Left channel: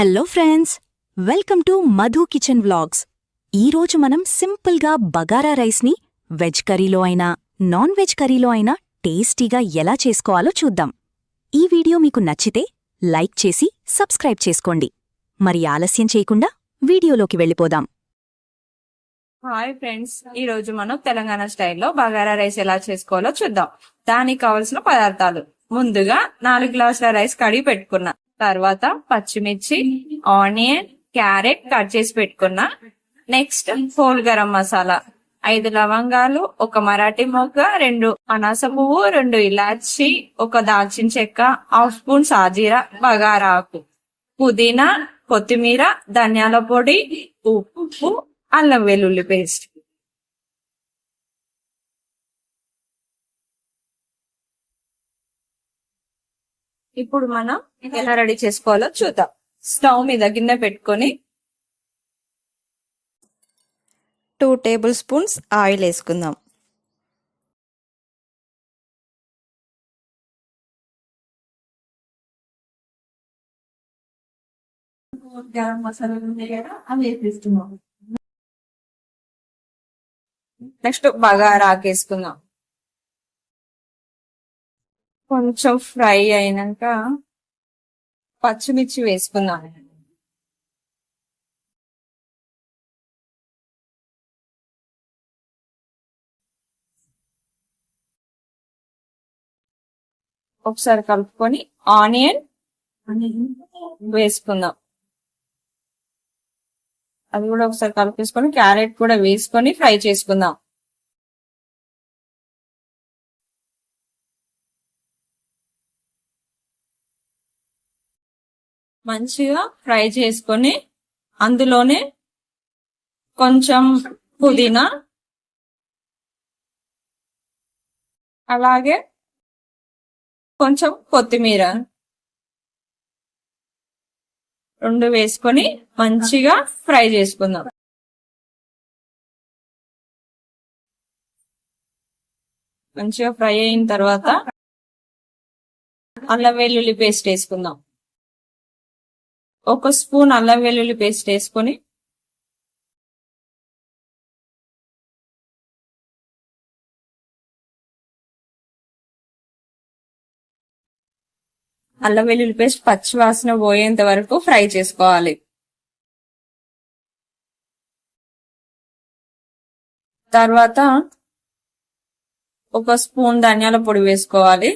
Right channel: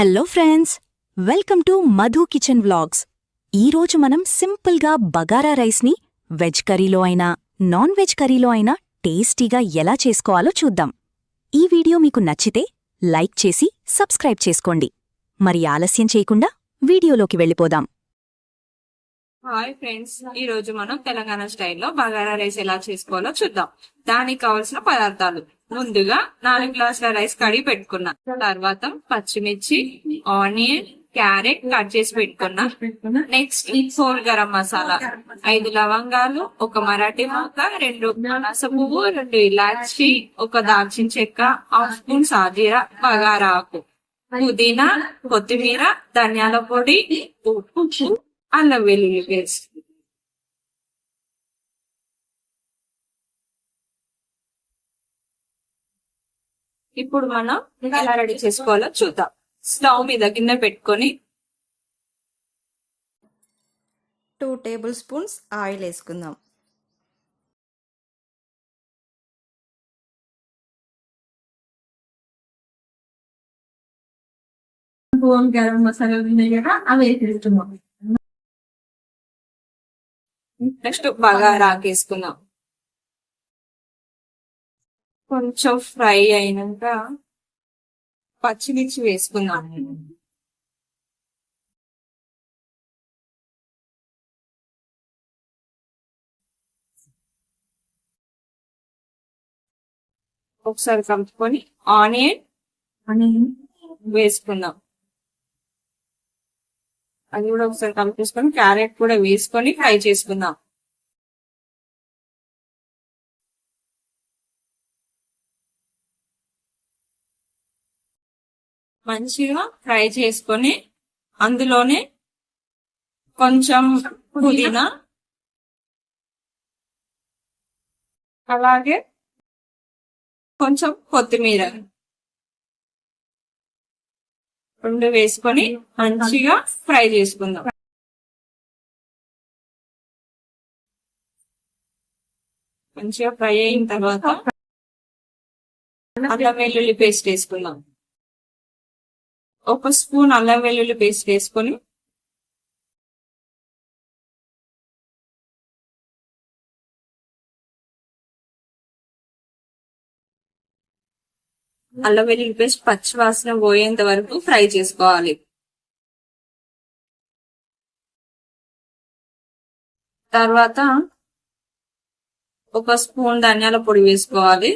Hello friends, welcome to Madhu kitchen vlogs. ఈరోజు మనం సింపుల్గా బగారా రైస్ని వెజ్ కర్రీలో అయినా నాన్ వెజ్ కర్రీలో అయినా టేస్టీగా ఎలా చేసుకోవాలో చూద్దాం. ఈ వీడియో మీకు నచ్చితే లైక్ చేసి సబ్స్క్రైబ్ చేసుకోండి. మరి ఆలస్యం చేయకుండా వీడియోలోకి వెళ్ళిపోదాం. హాయ్ ఫ్రెండ్స్, ఈ రోజు మనం తెలంగాణ స్టైల్లో బగారా రైస్ ఎలా చేసుకోవాలో చూద్దాం. దానికి కావలసిన పదార్థాలు: ముందుగా 4 గ్లాసుల రైస్ కడిగి పెట్టుకున్నా. తర్వాత పచ్చిమిర్చి, ఆనియన్, క్యారెట్ కట్ చేసి పెట్టుకున్నా. నెక్స్ట్ హోల్ గరం మసాలా, 5 లవంగాలు, 1 మరాఠీ మొగ్గ, 2 అనాస పువ్వు, 2 ఇలాచి, 1 దాల్చిన చెక్క, 1/2 స్పూన్ సాజీరా, బగారా ఆకు, పుదీనా, కొత్తిమీర, ధనియాల పొడి, ఉప్పు, అల్లం వెల్లుల్లి పేస్ట్. ఇప్పుడు మనం ఎలా రెడీ చేసుకోవాలో చూద్దాం. స్టవ్ మీద గిన్నె పెట్టుకొని 2 టేబుల్ స్పూన్స్ ఆయిల్ వేసుకుందాం. గరం మసాలా ఉన్నాయి కదా, అవి వేసేస్తున్నాం. నెక్స్ట్ బగారా వేసుకుందాం. కొంచెం ఫ్రై అయినాక పచ్చిమిర్చి వేసుకుందాం. ఒకసారి కలుపుకొని ఆనియన్ వేసుకుందాం. అది కూడా ఒకసారి కలిపేసుకొని క్యారెట్ కూడా వేసుకొని ఫ్రై చేసుకుందాం. మంచిగా ఫ్రై చేసుకొని అందులోనే కొంచెం పుదీనా, అలాగే కొంచెం కొత్తిమీర 2 వేసుకొని మంచిగా ఫ్రై చేసుకుందాం. మంచిగా ఫ్రై అయిన తర్వాత అల్లం వెల్లుల్లి పేస్ట్ వేసుకుందాం. 1 స్పూన్ అల్లం వెల్లుల్లి పేస్ట్ వేసుకొని అల్లం వెల్లుల్లి పేస్ట్ పచ్చి వాసన పోయేంత వరకు ఫ్రై చేసుకోవాలి. తర్వాత 1 స్పూన్ ధనియాల పొడి వేసుకోవాలి.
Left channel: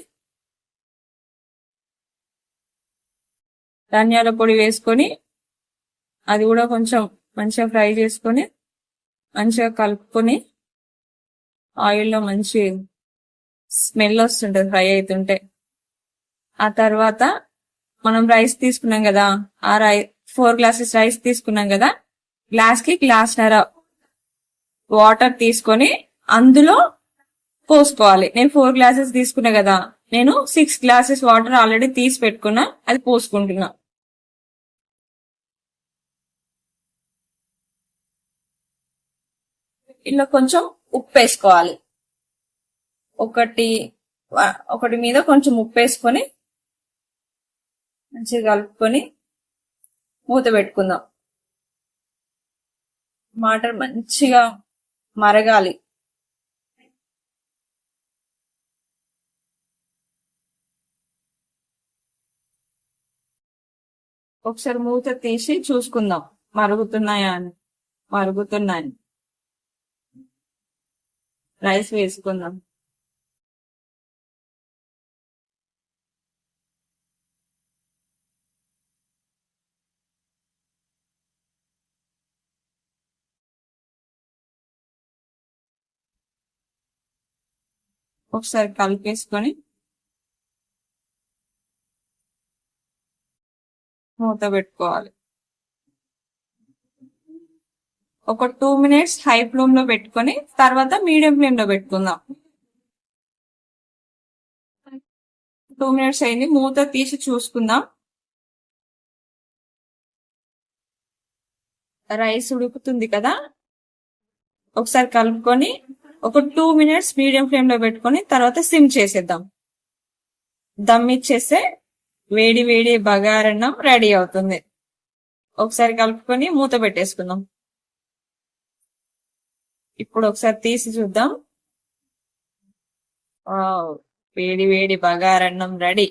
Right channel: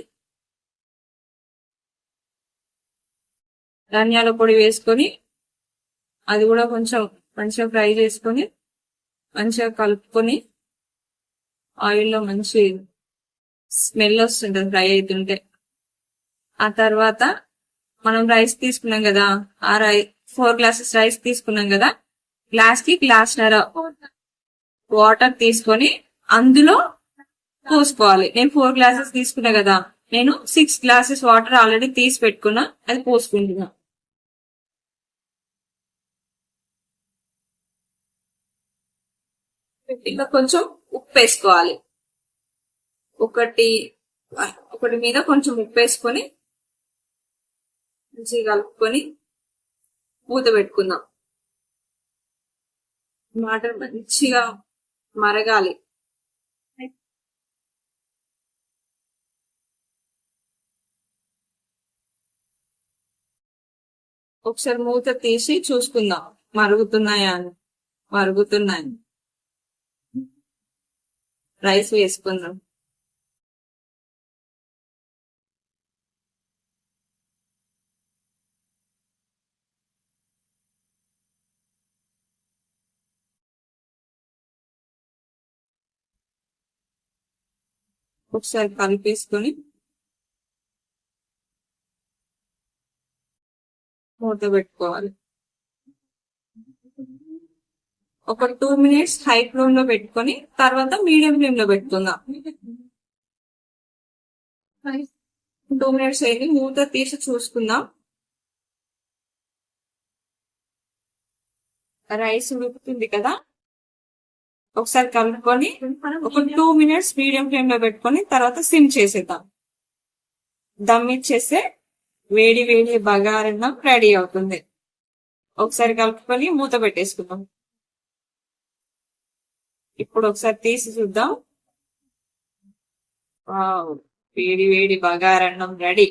ధనియాల పొడి వేసుకొని అది కూడా కొంచెం మంచిగా ఫ్రై చేసుకొని మంచిగా కలుపుకొని ఆయిల్లో మంచి స్మెల్ వస్తుంటది ఫ్రై అవుతుంటే. ఆ తర్వాత మనం రైస్ తీసుకున్నాం కదా, 4 గ్లాసెస్ రైస్ తీసుకున్నాం కదా, గ్లాస్కి గ్లాస్న్నర వాటర్ తీసుకొని అందులో పోసుకోవాలి. నేను 4 గ్లాసెస్ తీసుకున్నా కదా, నేను 6 గ్లాసెస్ వాటర్ ఆల్రెడీ తీసి పెట్టుకున్నా, అది పోసుకుంటున్నా. ఇలా కొంచెం ఉప్పు వేసుకోవాలి. ఒకటి మీద కొంచెం ఉప్పు వేసుకొని మంచిగా కలుపుకొని మూత పెట్టుకుందాం. వాటర్ మంచిగా మరగాలి. ఒకసారి మూత తీసి చూసుకుందాం మరుగుతున్నాయా అని. మరుగుతున్నాయి. రైస్ వేసుకుందాం. ఒకసారి కలిపేసుకొని మూత పెట్టుకోవాలి. ఒక 2 మినిట్స్ హై ఫ్లేమ్ లో పెట్టుకొని తర్వాత మీడియం ఫ్లేమ్ లో పెట్టుకుందాం. 2 మినిట్స్ అయింది, మూత తీసి చూసుకుందాం. రైస్ ఉడుకుతుంది కదా, ఒకసారి కలుపుకొని ఒక 2 మినిట్స్ మీడియం ఫ్లేమ్ లో పెట్టుకొని తర్వాత సిమ్ చేసేద్దాం. దమ్ ఇచ్చేస్తే వేడి వేడి బగారన్నం రెడీ అవుతుంది. ఒకసారి కలుపుకొని మూత పెట్టేసుకుందాం. ఇప్పుడు ఒకసారి తీసి చూద్దాం. వావ్, వేడి వేడి బగారన్నం రెడీ.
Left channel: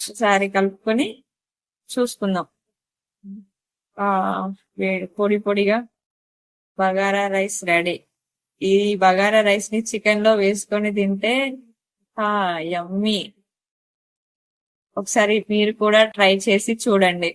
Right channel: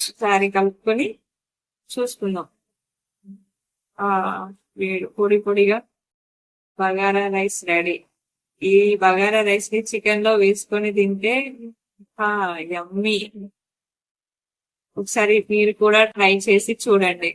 ఒకసారి కలుపుకొని చూసుకుందాం. వేడి పొడి పొడిగా బగారా రైస్ రెడీ. ఈ బగారా రైస్ ని చికెన్ లో వేసుకొని తింటే యమ్మీ. ఒకసారి మీరు కూడా ట్రై చేసి చూడండి.